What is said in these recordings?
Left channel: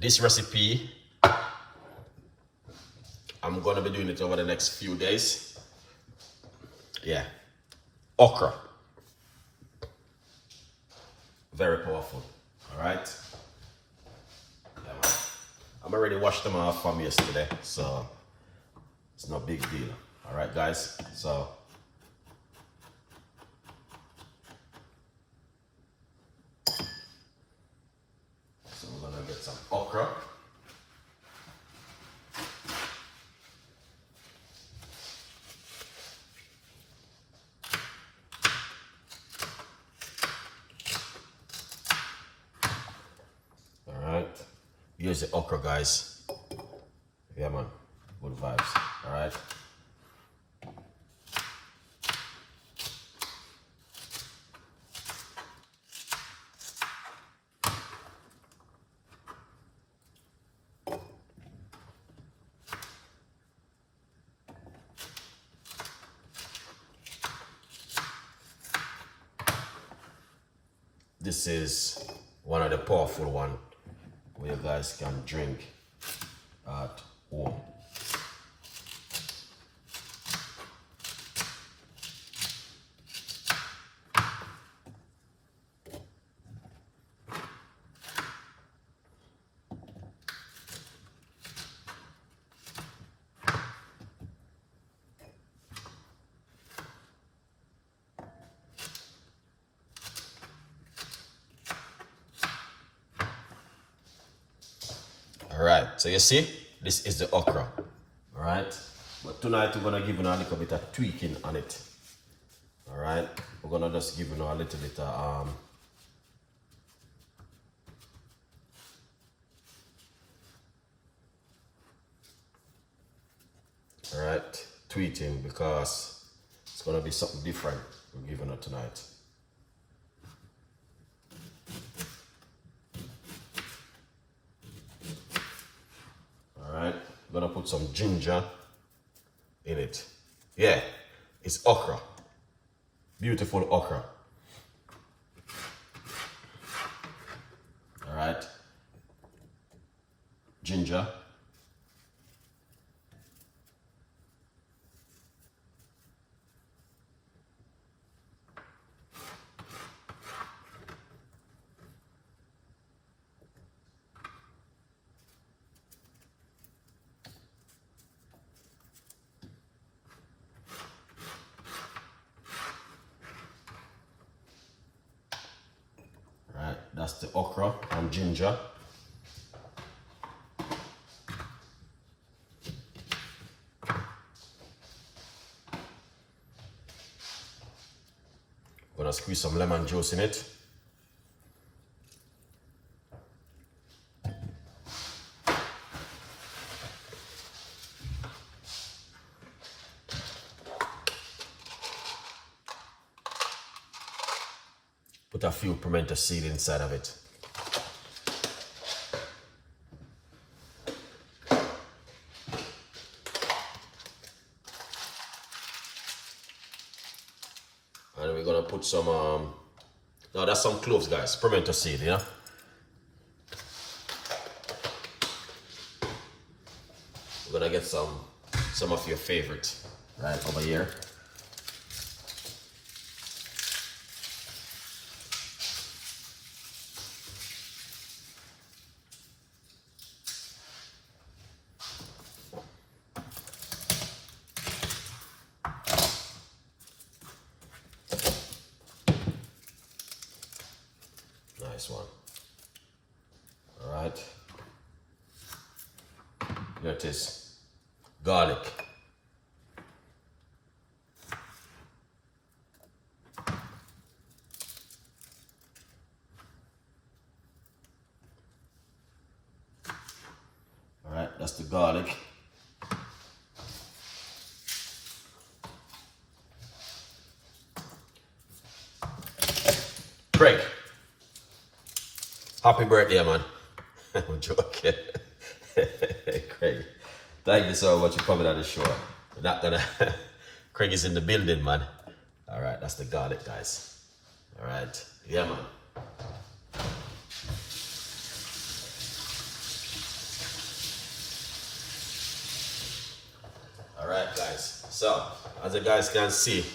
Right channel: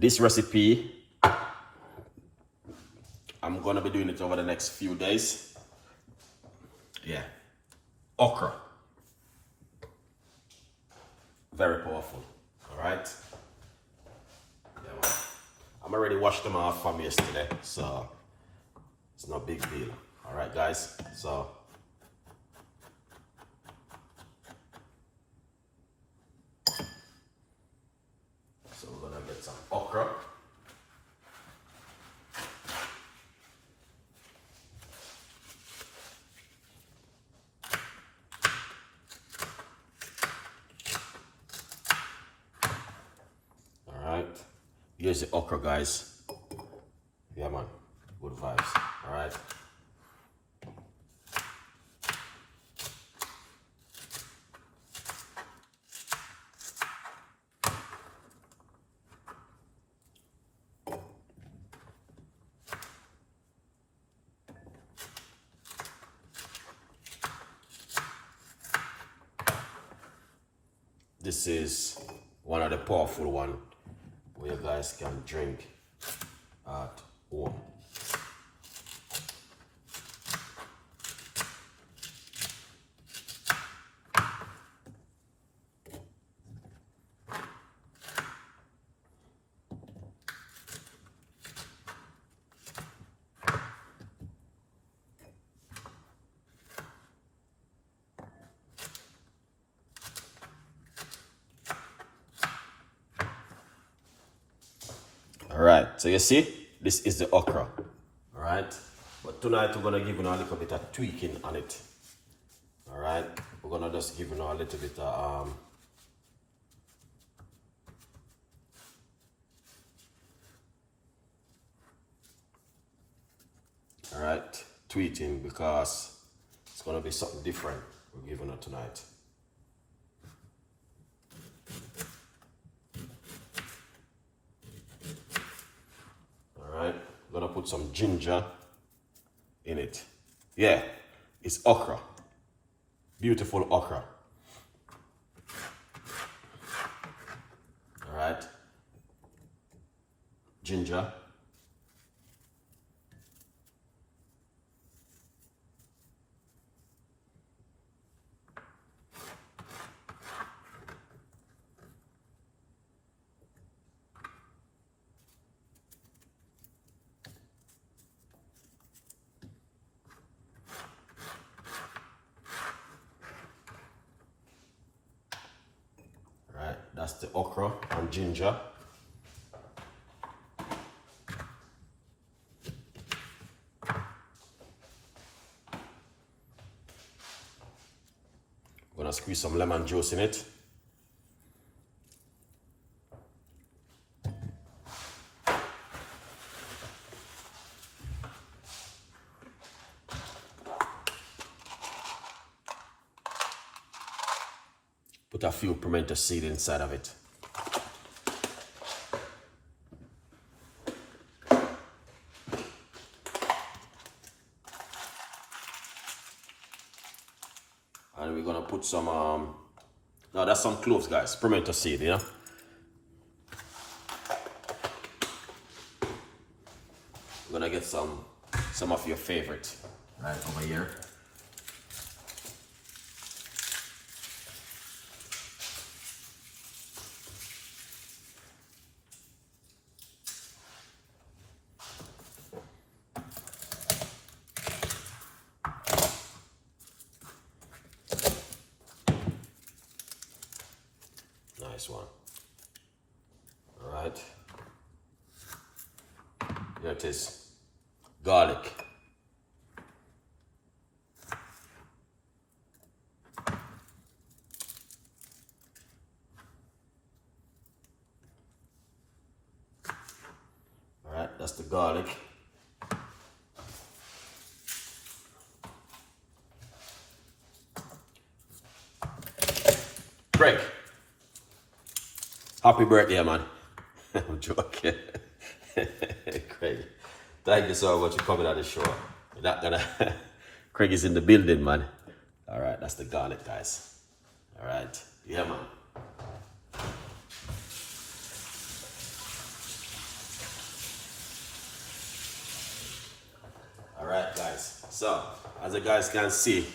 This recipe, I'm gonna be doing it over the next few days. Yeah, okra. Very powerful, all right? I'm already washed them off from yesterday, so it's no big deal. All right, guys, so we're gonna get some okra. All right, here's the okra, guys. Yeah, man, good vibes. All right. This is one of the powerful one where you guys can drink at home. All right, so you see, this is the okra, all right? But tonight we're gonna give you a little bit of tweaking on it, all right? We're gonna just give you a little bit of, all right, tweaking, because it's gonna be something different we're giving it tonight. Alright, I'm gonna put some ginger in it. Yeah, it's okra. Beautiful okra. Alright. Ginger. That's the okra and ginger. Gonna squeeze some lemon juice in it. Put a few pimento seed inside of it. And we're gonna put some, no, that's some cloves, guys, pimento seed, you know? We're gonna get some of your favorite right over here. Nice one. All right. Here it is. Garlic. All right, that's the garlic. Greg, happy birthday, man. I'm joking. Craig, thank you so much for coming on the show. We're not gonna. Craig is in the building, man. All right, that's the garlic, guys. All right, yeah, man. So, as you guys can see,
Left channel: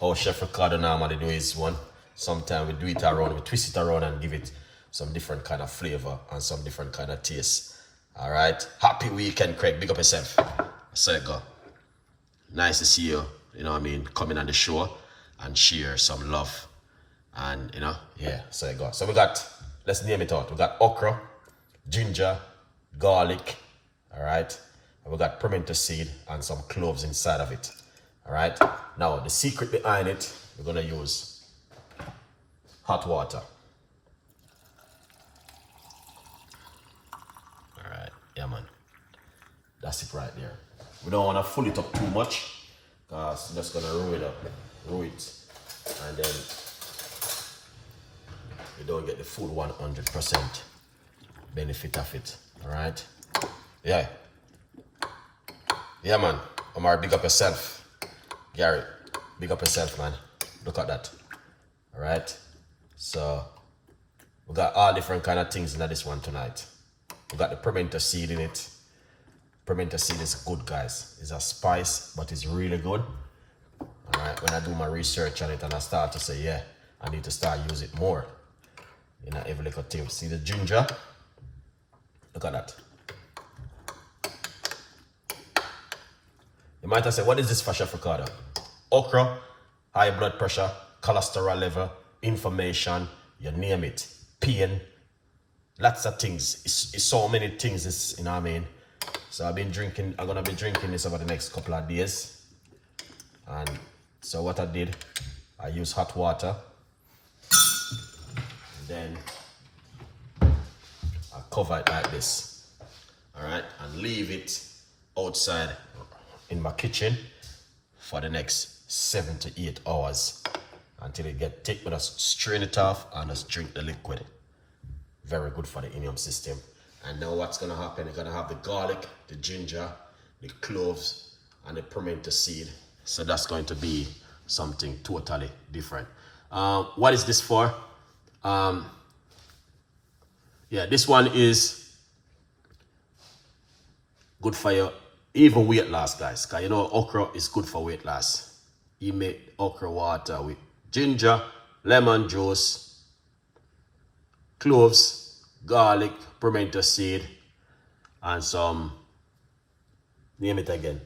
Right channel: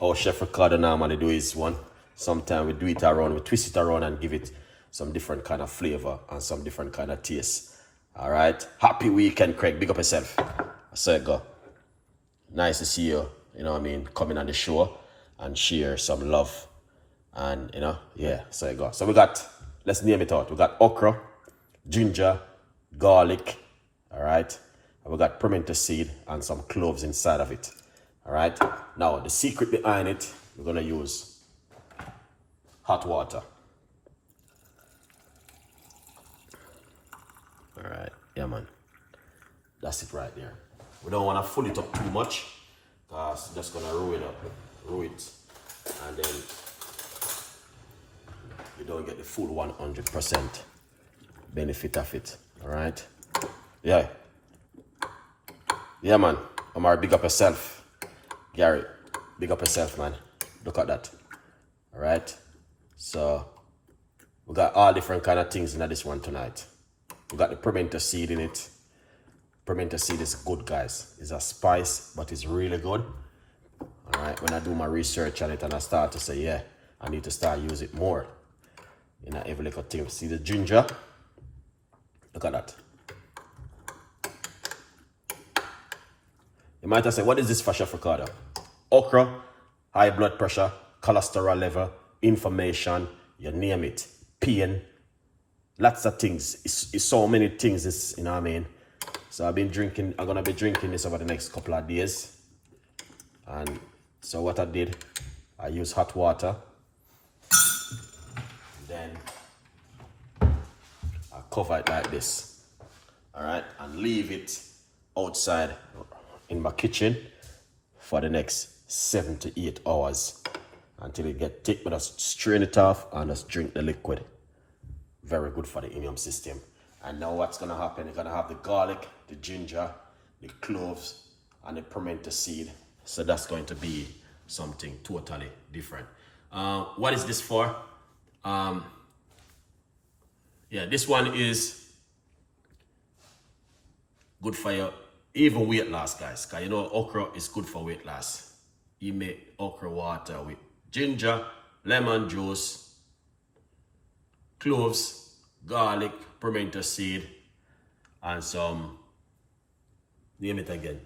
how Chef Ricardo normally do his one. Sometimes we do it around, we twist it around and give it some different kind of flavor and some different kind of taste. Alright, happy weekend, Craig. Big up yourself. So it go. Nice to see you, you know what I mean, coming on the show and share some love. And, you know, yeah, so it go. So we got, let's name it out. We got okra, ginger, garlic, alright. And we got pimento seed and some cloves inside of it. Alright. Now, the secret behind it, we're going to use hot water. Alright, yeah man. That's it right there. We don't want to fill it up too much because it's just going to roll it. And then you don't get the full 100% benefit of it. Alright? Yeah. Yeah man. Amar, big up yourself. Gary, big up yourself, man. Look at that. Alright? So, we got all different kind of things in this one tonight. We got the pimento seed in it. Pimento seed is good, guys. It's a spice, but it's really good. Alright, when I do my research on it and I start to say, yeah, I need to start use it more. In every little thing. See the ginger? Look at that. You might have said, what is this for, Chef Ricardo? Okra, high blood pressure, cholesterol level, inflammation, you name it, pain, lots of things. It's so many things, it's, you know what I mean? So I'm gonna be drinking this over the next couple of days. And so what I did, I used hot water. Then I cover it like this. Alright, and leave it outside in my kitchen for the next 7 to 8 hours until it get thick. But just strain it off and just drink the liquid. Very good for the immune system. And now what's gonna happen, you're gonna have the garlic, the ginger, the cloves, and the pimento seed. So that's going to be something totally different. What is this for? Yeah, this one is good for your even weight loss, guys. Cause you know okra is good for weight loss. You make okra water with ginger, lemon juice, cloves, garlic, pimento seed, and some, name it again.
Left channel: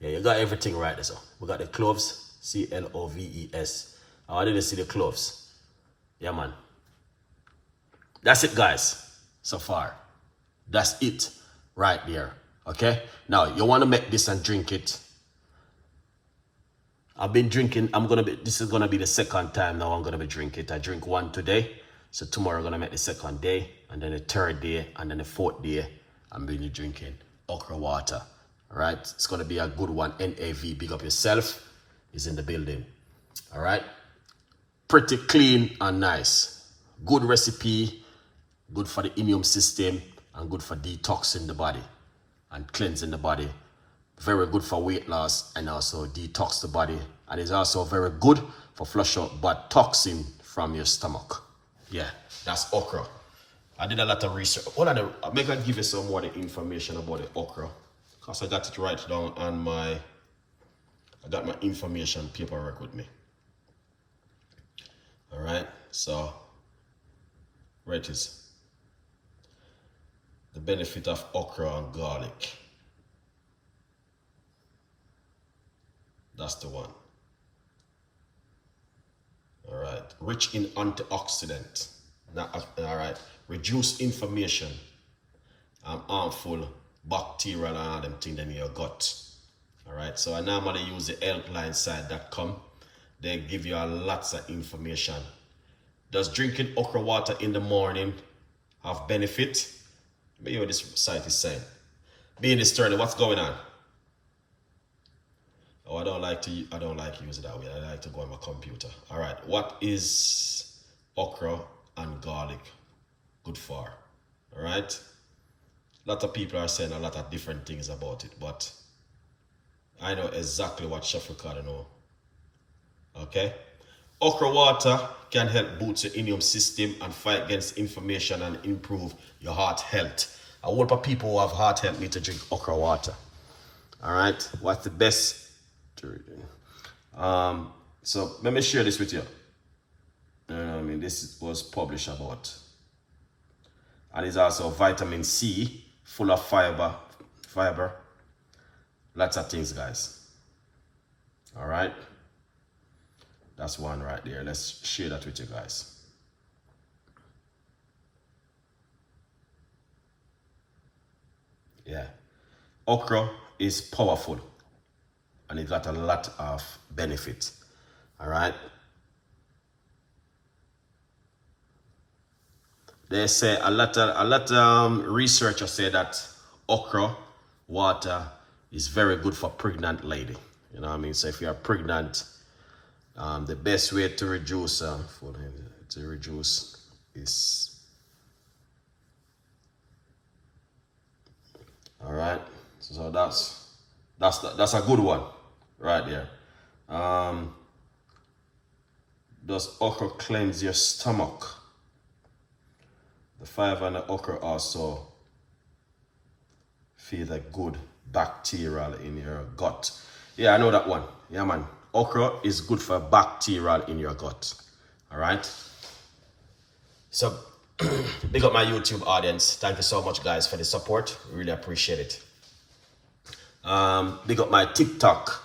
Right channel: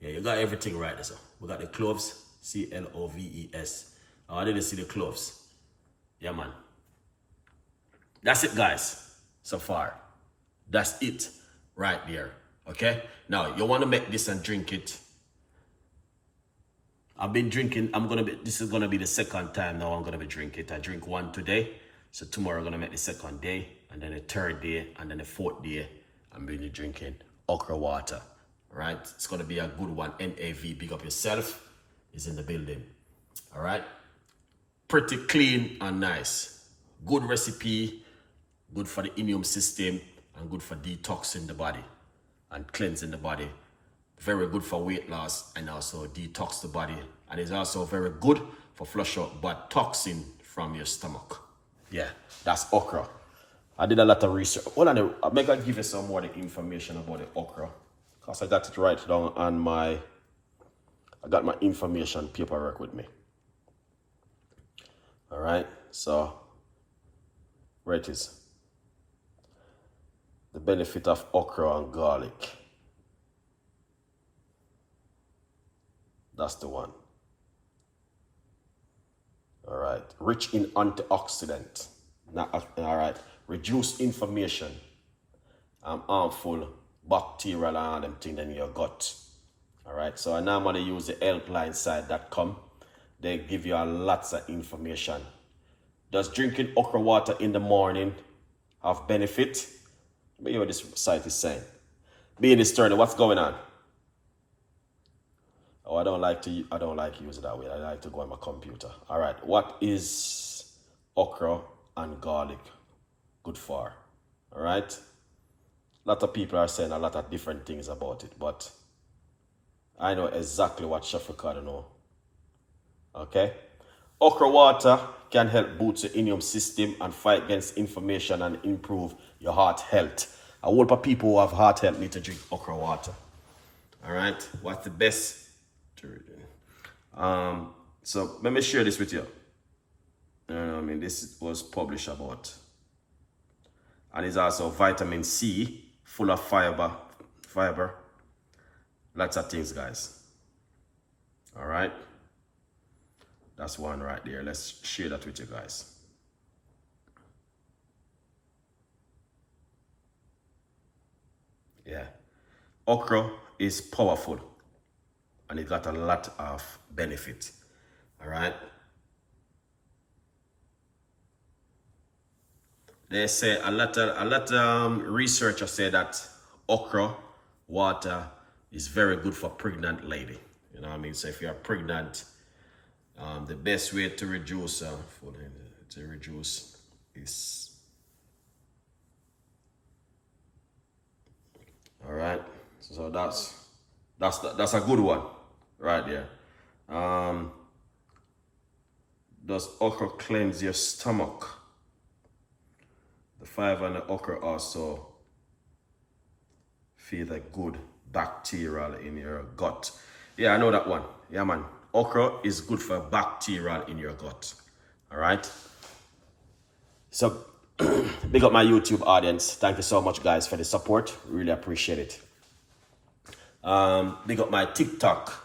Yeah, you got everything right there. So we got the cloves, C-L-O-V-E-S. I didn't see the cloves. Yeah, man. That's it, guys. So far. That's it right there. Okay? Now, you want to make this and drink it. I've been drinking. This is going to be the second time now I'm going to be drinking it. I drink one today. So tomorrow I'm going to make the second day. And then the third day. And then the fourth day, I'm going to be drinking okra water. All right? It's going to be a good one. NAV, big up yourself, is in the building. All right? Pretty clean and nice. Good recipe. Good for the immune system. And good for detoxing the body. And cleansing the body. Very good for weight loss and also detox the body. And it's also very good for flush out bad toxin from your stomach. Yeah, that's okra. I did a lot of research. Hold on, I'm going to give you some more information about the okra. Because I got it right down on I got my information paperwork with me. Alright, so where it is. The benefit of okra and garlic. That's the one. All right. Rich in antioxidant. All right. Reduce inflammation and harmful bacterial and them things in your gut. All right. So I normally use the healthlineside.com. They give you a lots of information. Does drinking okra water in the morning have benefit? Let me hear what this site is saying. Being discerning, what's going on? Oh, I don't like to use it that way. I like to go on my computer. All right, what is okra and garlic good for? All right, a lot of people are saying a lot of different things about it, but I know exactly what Chef Ricardo know. Okay, okra water can help boost your immune system and fight against inflammation and improve your heart health. A whole lot of people who have heart health need to drink okra water. All right, what's the best So let me share this with you. You know what I mean? This was published about. And it's also vitamin C, full of fiber. Lots of things, guys. All right. That's one right there. Let's share that with you guys. Yeah. Okra is powerful and it got a lot of benefits. All right. They say a lot of researchers say that okra water is very good for pregnant lady. You know what I mean? So if you're pregnant, the best way to reduce is, all right. So that's a good one right there. Does okra cleanse your stomach? The fiber and the okra also feed a good bacterial in your gut. Yeah, I know that one. Yeah, man. Okra is good for bacterial in your gut. All right. So, big up my YouTube audience. Thank you so much, guys, for the support. Really appreciate it. Big up my TikTok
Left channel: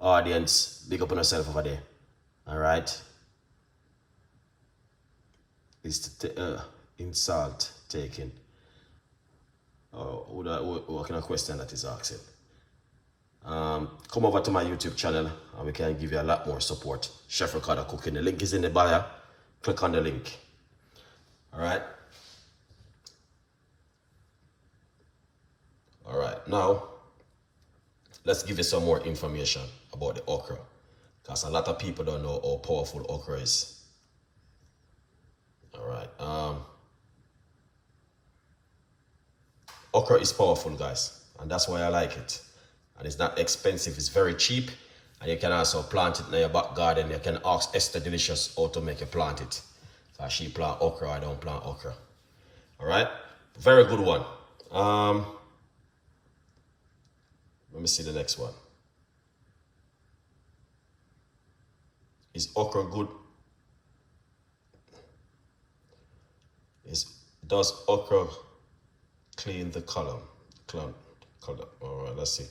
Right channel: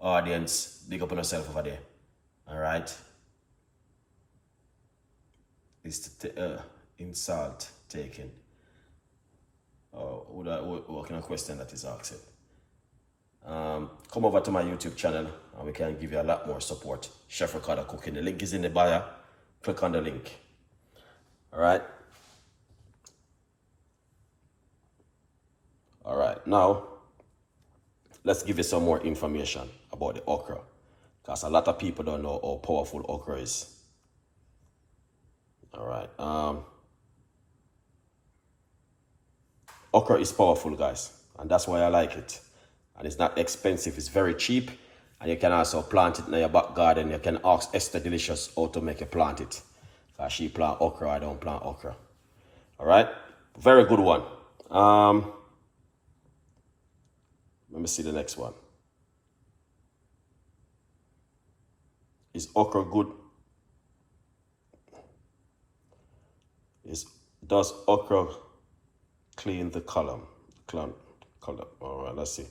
audience. Big up on yourself over there. All right. Is the insult taken? What kind of question that is asked? Come over to my YouTube channel and we can give you a lot more support. Chef Ricardo Cooking. The link is in the bio. Click on the link. All right. All right. Now, let's give you some more information about the okra, because a lot of people don't know how powerful okra is. All right. Okra is powerful, guys, and that's why I like it. And it's not expensive, it's very cheap, and you can also plant it in your back garden. You can ask Esther Delicious how to make you plant it. So she plant okra, I don't plant okra. All right, very good one. Let me see the next one. Is okra good? Does okra clean the column? All right, let's see.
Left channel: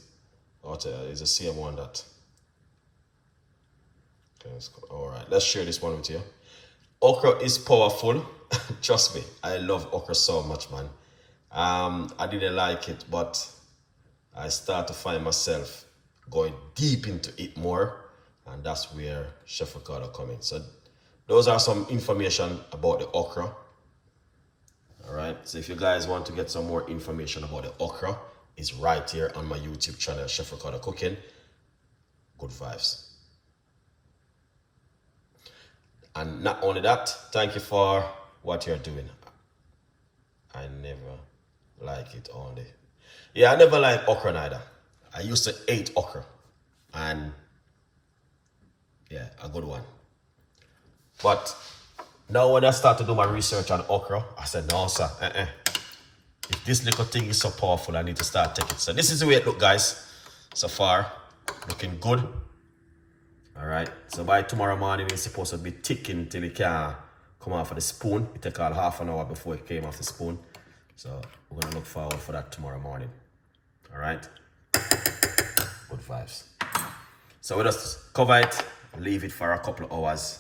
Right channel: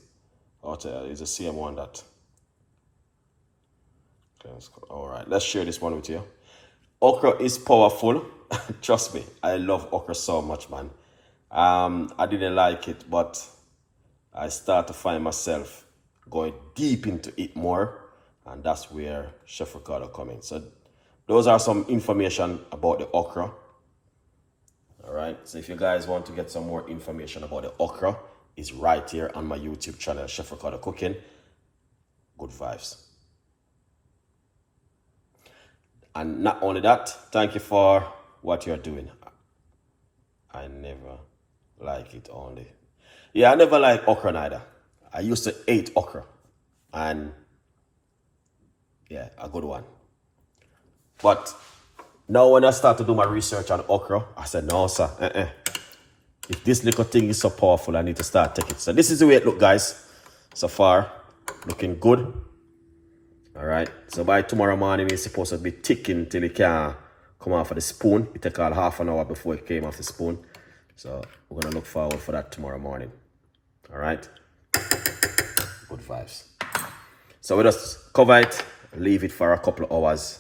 It's the same one that. All right, let's share this one with you. Okra is powerful. Trust me, I love okra so much, man. I didn't like it, but I start to find myself going deep into it more, and that's where Chef Ricardo comes in. So those are some information about the okra. All right, so if you guys want to get some more information about the okra, it's right here on my YouTube channel, Chef Ricardo Cooking. Good vibes. And not only that, thank you for what you're doing. I never like it only. Yeah, I never liked okra neither. I used to eat okra. And yeah, a good one. But now when I start to do my research on okra, I said, no, sir. If this little thing is so powerful, I need to start taking it. So this is the way it looks, guys. So far, looking good. All right. So by tomorrow morning, it's supposed to be ticking till it can come off of the spoon. It takes all half an hour before it came off the spoon. So we're going to look forward for that tomorrow morning. All right. Good vibes. So we just cover it, leave it for a couple of hours.